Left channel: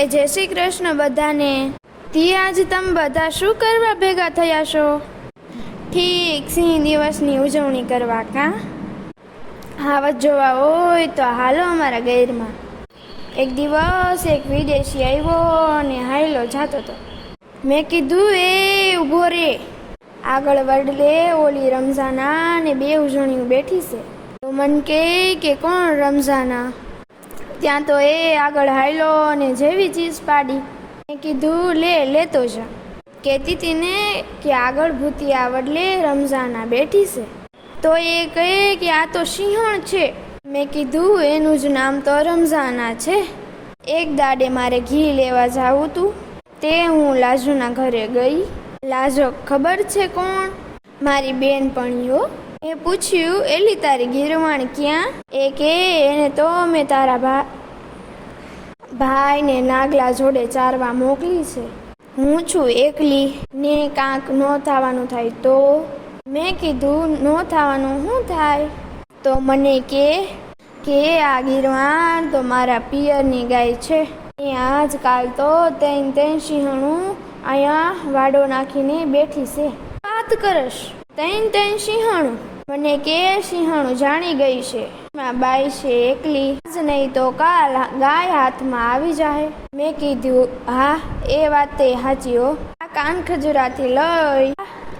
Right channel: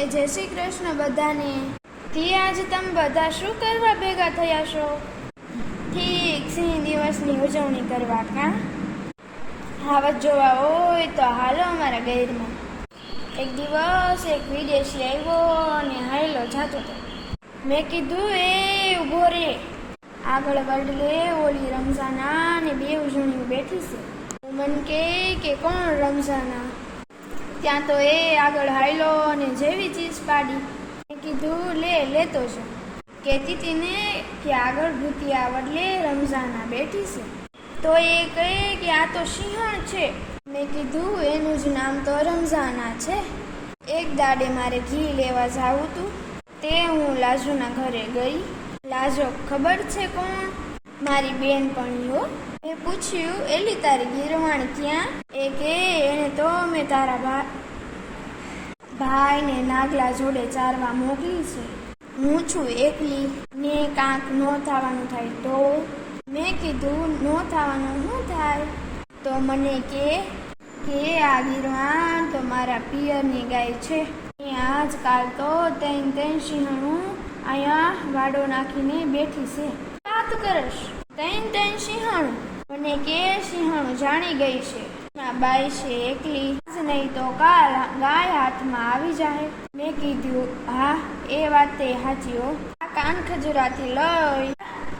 એ જય શ્રી કૃષ્ણ બધાને. તી આજ તમે બધા શું કરવા ભેગા થયા છો? ઠીક સિંહ દિવસની ઉજવણી કરવા કાં? હાવજ જોવા હોય તો હાલો અમારા ગૈરમાં. એક દિવસ એક વિદેશી આવ્યો અને હાયલો જાતો હતો. મેં કીધું એ ઊભો રે, આગળ વડલે ઓલી રમઝાના ને બે ઉજવણીઓ બેઠી છે. તો મન કે કોણ રમઝાના? ત્યાં તો એ આગળ હાયલો અને જેવી ચીજ પાડી. મેં કીધું લેતો જા. કહેતી હતી ને કે આગળ ભૂતિયા વડલે રમઝાના બેઠી છે. તો એ કહે કે આ તો સિંહણ છે. મેં કીધું એનું જ નામ તો રમઝાના છે. એક દાડે મારે ઘી લેવા જાવું તું, તે હું લાજુના ઘરે ગઈ. લાજો ખબર છે કોણ? મારી બેનપણીઓ. એ પૂછ્યું એલી તારી ગીરવાણ ક્યાં? એ કે એને તો મેં તારા ભાઈને નાગલા જોડે ચારવા મોકલી છે. હું છું એકલી ને કાંક ન થવાનું થાય તો? મેં કીધું ન થવાનું શું થાય? તો મને કે આ ગીરવાણ તો મારા પિયરની ગાય છે. એ આજકાલ તો ત્રણ સિંહણું અહીંયા વાડો નાખીને બેઠી છે. વાત કરશ? ત્રણ સિંહણું? મને કે સિંહણું જાણી ગઈ છે, બાઈ છે એકલી જ નહીં તો કાલ ગાય હાથમાં આવી જાય. મેં કીધું હા એ વાત તે સાચી હો. આ કાન ખજૂરાથી લઈ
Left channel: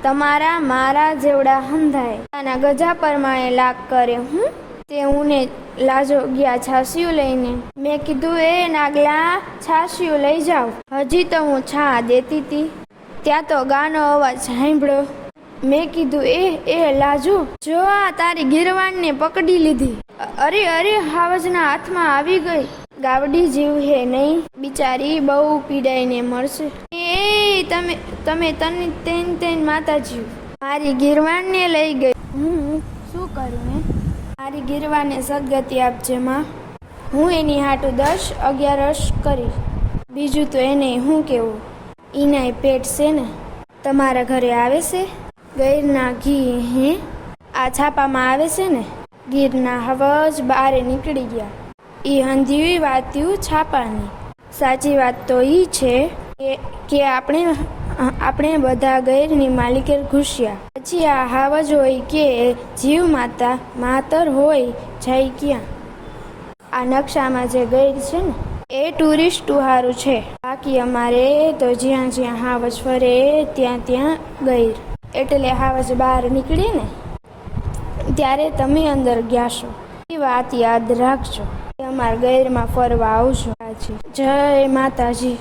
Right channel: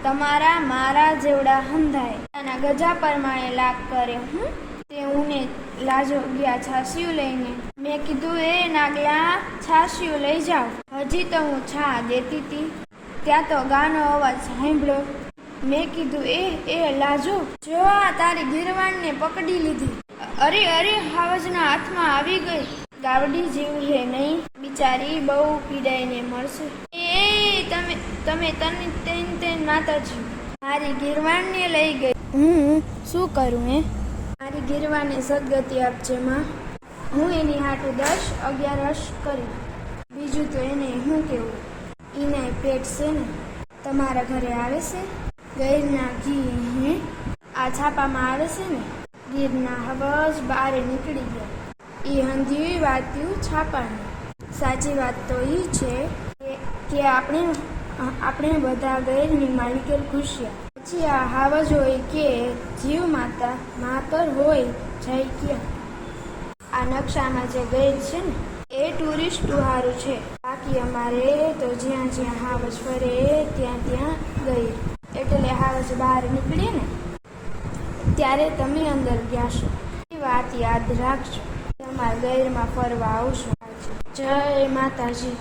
તમારા મારા જેવડા હંધાય આના ગજા પરમાણે લાગ કરે. હું તે ઉને લાજો ગયા છાશિયું લઈને. મેં કીધું એ નાગલા છાશિયું લઈ જાઓ. હજી તો હું છા દેતી હતી ત્યાં તો ગાનો અવાજ સાંભળ્યો. મેં કીધું એ લાજુ જો આ તારી ગીરવાણને પકડી લીધી. અરે હાવજના હાથમાં આવી ગઈ. ગાવડી જેવ હે નહીં, બિચારી બહુ પીડાઈને મળશે. તમે તને માતાજી મારી ગીરવાણને લઈ ગઈ. હું શું કરું? મારી ગીરવાણને સદગતિ આપજે માં. હું એની હાટું 10-11 કરીશ. બીજું તો એને શું કેવું? એનાય પેટ છે ને. તમારા ઘરે આવે છે ગીરના ઘી? આ છાપામાં આવે છે ને ગીરના હવજ બારે નીકળી ગયા. એ હંધી વાત્યું છાપાની. સાચી વાત તો ઈ છે કે આપણે બધા ગૈરની માલિકે ઘૂસ્યા. પછી આ હાવજ હોય કે જીવ માતા માતર હોય જાય ક્યાં? આ નકશામાં જે ગૈર છે ને એ ટુરિસ્ટ હારું છે. બાકી અમારે તો જ્યાં હાવજ ફરે ત્યાં ગૈર. એટલે હાવજ બહાર નીકળીએ ને ત્યારે તમે અંદર ગયા છો. એ વાત યાદ રાખજો. અમારા ગૈરમાં ફરવા આવજો. જય માતાજી.